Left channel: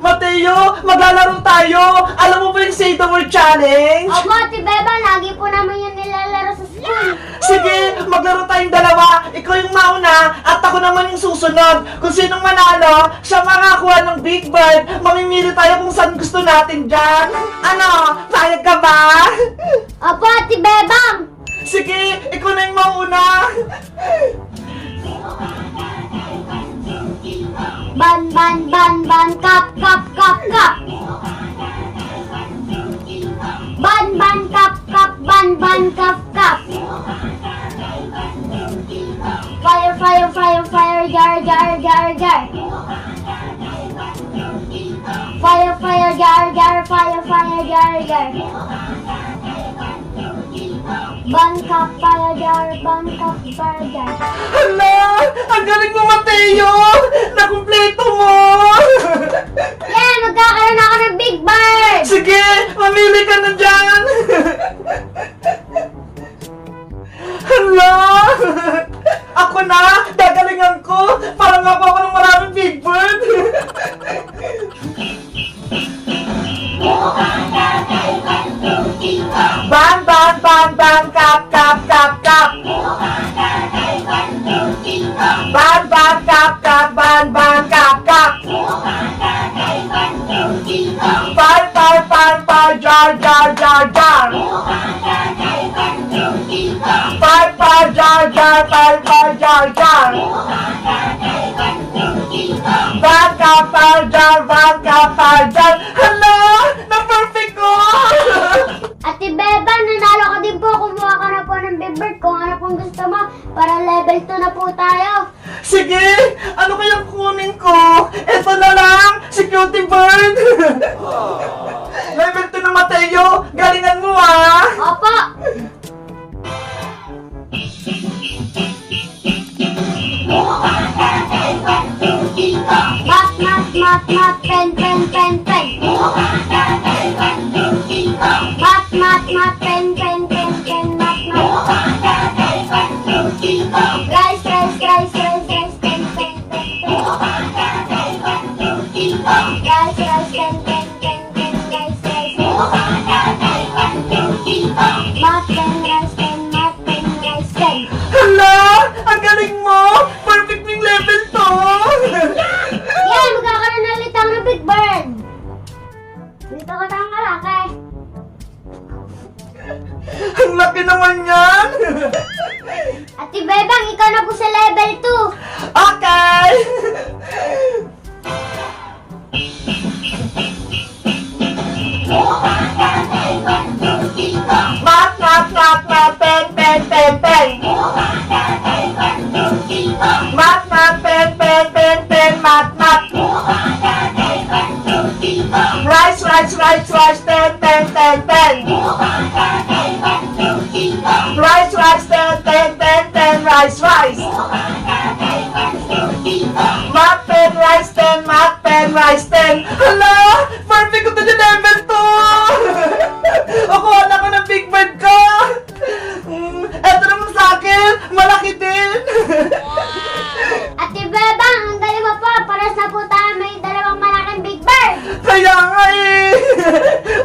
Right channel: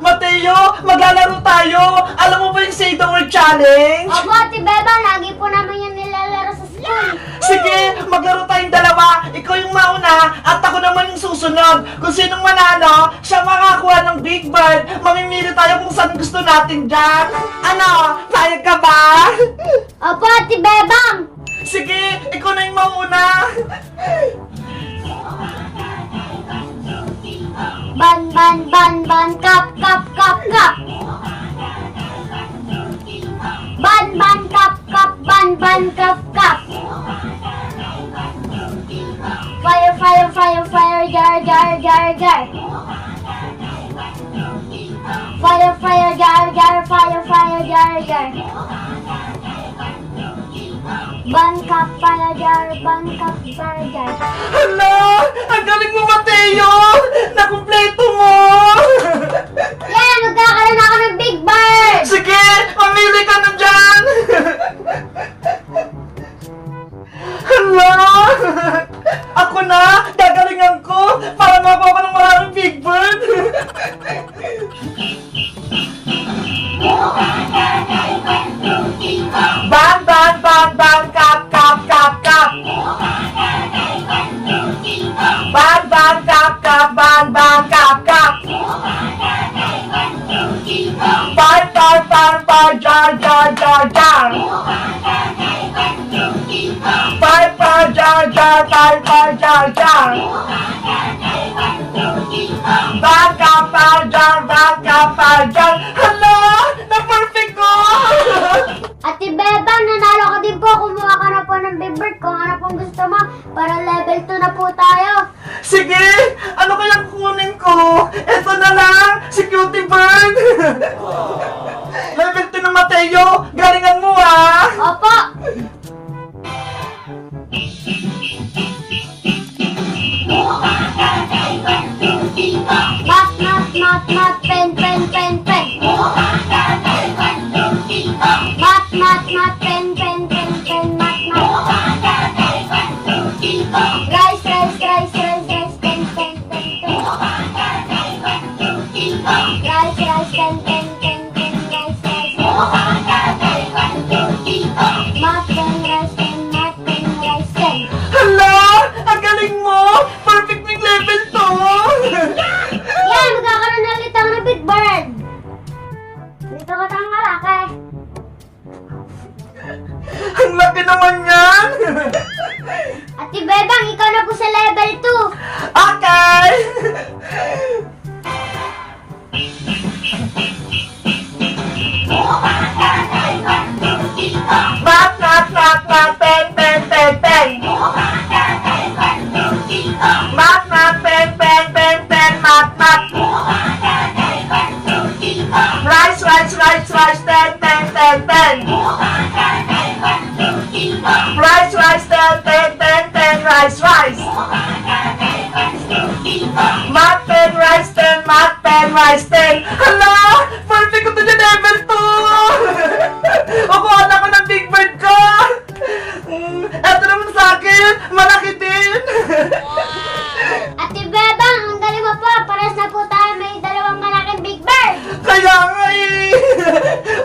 Mateo, maglalaro tayo! Alam mo ba yung Save the World Challenge? Opo, Ate Beba, lagi po naman yung nilalaro sa school. Sige, maglaro tayong dalawa. Ikaw yung mauna at ako naman yung susunod. Kung sinong manalo, siya makakuha ng Big Bird. Mamimili tayo kung saan gusto natin dyan. Ano, sayag ka ba? Opo, Ate Bebang. Sige, ikaw na yung mauna. Ban, kap, kap, kap, kap. Ban, kap, kap, ban, kap, kap. Fire, fire, fire, fire, jar, jar, jar, jar. Fire, fire, jar, jar, fire, fire, jar, jar. Ban, kap, fire, jar, ban, kap, fire, jar. Hala, ang galing mo, Mateo. Nakumpleto mo. Yeah, magkakaroon ako ng Big Bird. Sige, mamili ka na dyan. Hala, ako na, gagalingan ko para makuha ko ng maraming Big Bird. Bang, bang, bang, bang, kap, kap, kap, kap. Bang, bang, kap, kap, bang, bang, kap, kap. Fire, fire, fire, fire, jar, jar, jar, jar. Fire, fire, jar, jar, fire, fire, jar, jar. Bang, kap, fire, jar, bang, kap, fire, jar. Hala, na-perfect ko! Ate Beba, nanalo ka din po. Kumuha ka na po ng Big Bird kung ano pong gusto mo. Para level 2 na po tayo. Sige, ano kayang kunin ko? Ito na lang, si Cutie Bird. Level 2 ng Mateo, galingan mo ah. Opo. Mat, pen, pen, pen, pen. Mat, pen, pen, pen, pen, mat. Rice, rice, rice, rice, rice, pen, pen, pen, pen. Rice, rice, pen, pen, pen, pen, rice, rice. Mat, pen, rice, pen, mat, pen, rice, pen. Hala, ang galing mo. Perfect ng level 2. Yan, magkakaroon na ulit ako ng Big Bird. Dito ko tayong kalakay. Ang laki naman yan. Ate Bebang, ikaw na po sa level 2. Okay. Mat, pen, pen, pen, pen. Mat, pen, pen, pen, pen, mat. Rice, rice, rice, rice, pen, pen, pen, pen. Rice, rice, pen, pen, pen, pen, rice, rice. Mat, pen, rice, pen, mat, pen, rice, pen. Hala, perfect ko to dyan level 2. Ako, alam ko ng Big Bird ka. Eto naman sa akin, malaki din. Ate Bebang, ang galing mo po. Paras na po tayo may dalawang malaking Big Bird. Kaya nga eh.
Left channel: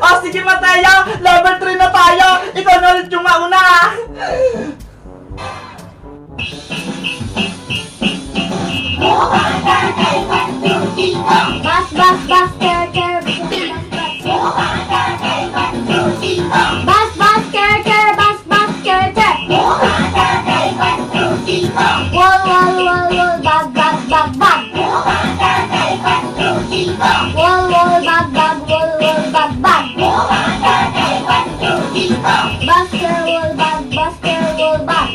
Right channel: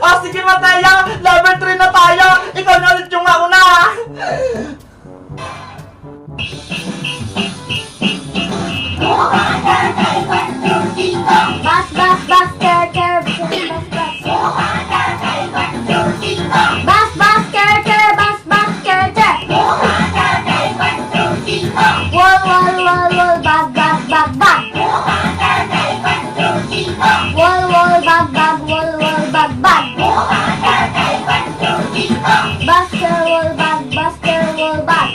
O sige Mateo, level 3 na tayo. Ikaw na ulit yung mauna. Bas, ker, ker, bas, ker, ker, bas, ker, ker. Wall, bag, bag, bag, bag. Wall, bag, bag, bag, bag. Bas, ker, bag, bag.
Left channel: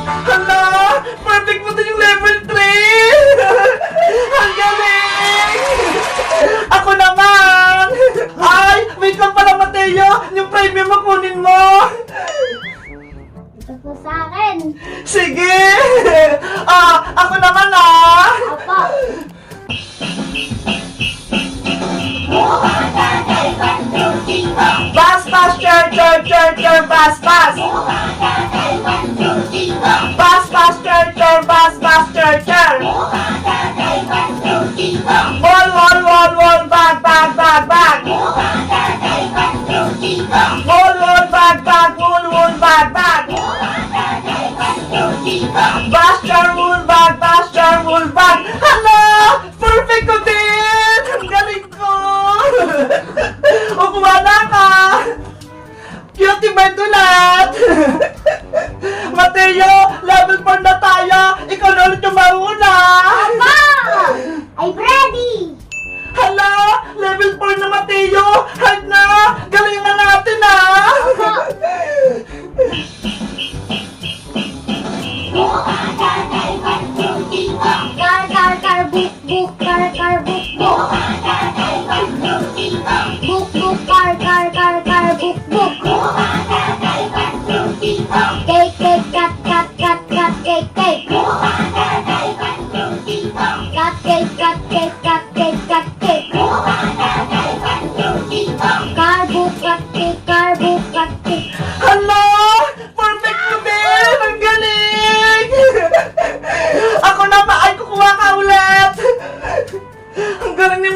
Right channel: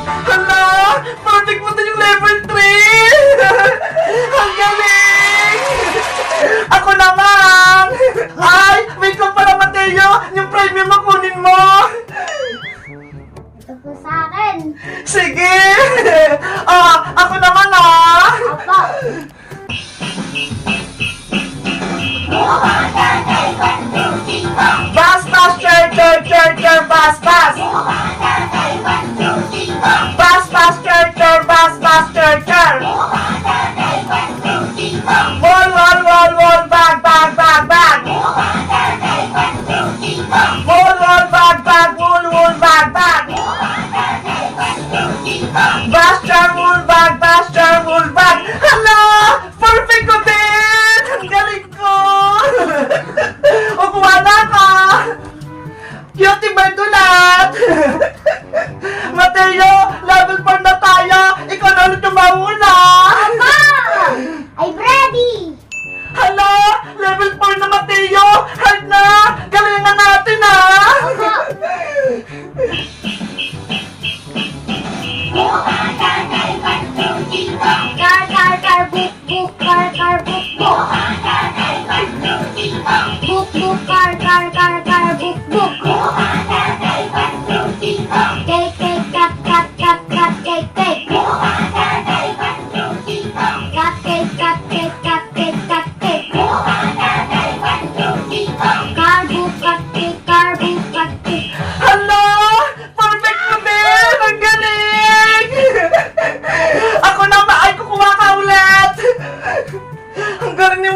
Hala, perfect mo to yung level 3. Ang galing. Ako naman. Ay, wait lang pala Mateo. Yung premium mo kunin mo. Ito po sa akin. Sige. Ako naman Opo. Bas, cher, bas. Bas, cher. Wall, bag,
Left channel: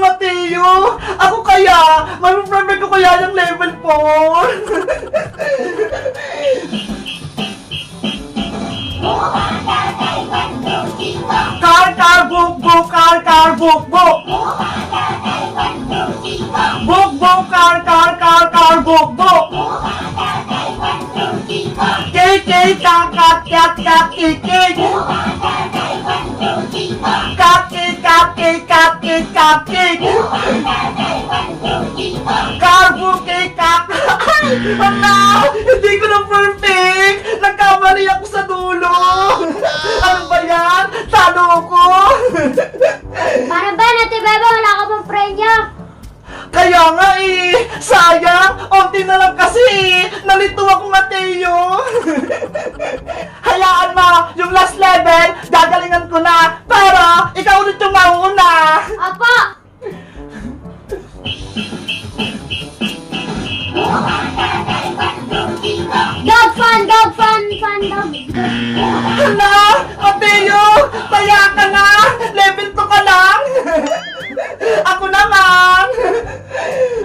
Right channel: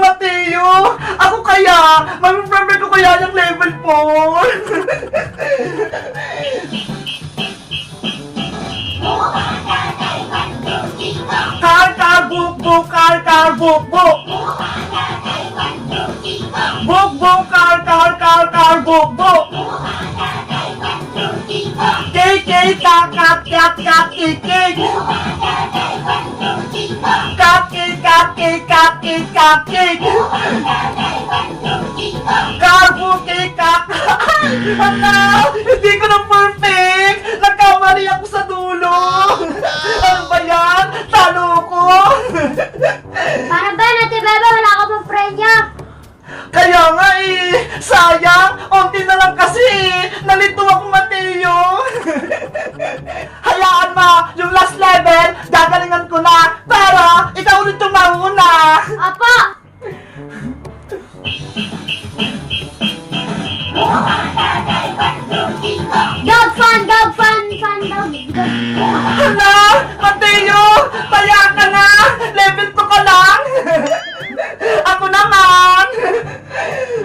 Mateo. Ako kaya, mag-prefer ko kaya yung level 4. Car, book, book, car, book, book. Book, book, car, book, book. Cake, cat, cake. Cupcake. Cake. Hala! Hindi ko na perfect! Nagkamali ako sa dulo! Ano ba yan? Talo ko! Para ba, Ate Beba, wala ka pang prenya? Kaya nga eh! Sayang! Onti na lang kasi eh! Nalito ako, Mateo! Hayaan mo! Yung last level, gagalingan ko na! Pero, ikaw ulit yung mauna! Apo! Dog fan, dog. Hala! Mateo! Taya ka na! Level 2 ka lang! Ako naman!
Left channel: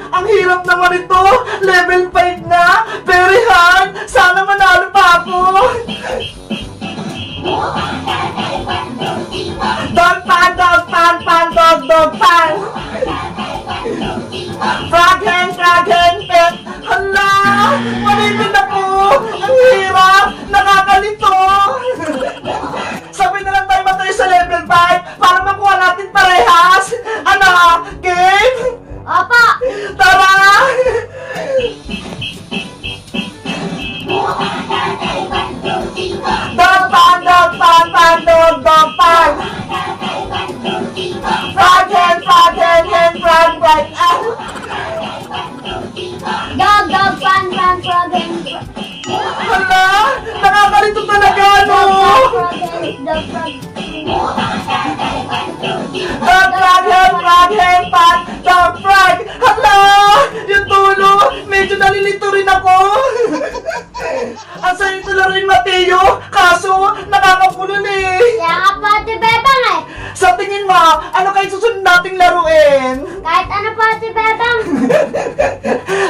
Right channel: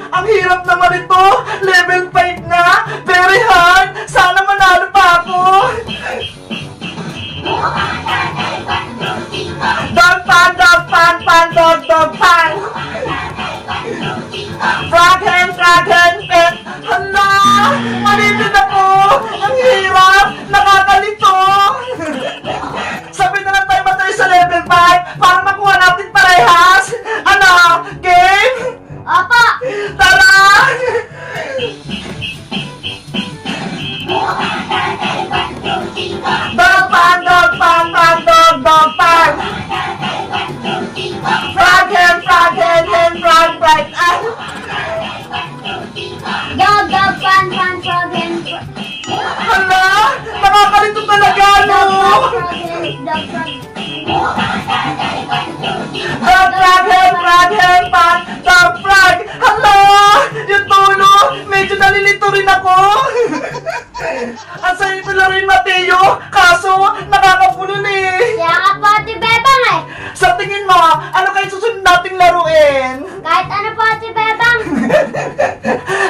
Ang hirap naman ito! Level 5 na! Very hard! Sana manalo pa ako! Dog pan! Frog hen, pet! Hala! Malipid ako! Ang hirap! Nakakalito! Sabi na lang tayo matay sa level 5 para makuha natin parehas! Ano? Game? Apo! Tara! Dog pan! Frog hen, frog right! Dog fan, frog hen. Hala! Nakakalito talaga, no? Dog frog. Frog hen, pan, dog frog! Hala! Yung tulo! Medyo nalilito rin ako! Ang sayo pala rin, Mateo! Kaso, nakakapulol eh! Kaya nga po, Ate Bebang eh. Sa tingin mo, ano kayo susunod nating laruin? Kahit ano po, Ate Bebang.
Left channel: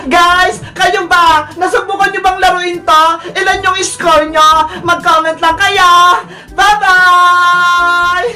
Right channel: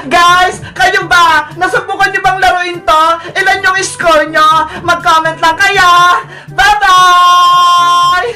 Guys, kayo ba? Nasubukan niyo bang laruin to? Ilan yung score nyo? Mag-comment lang kayo! Bye-bye!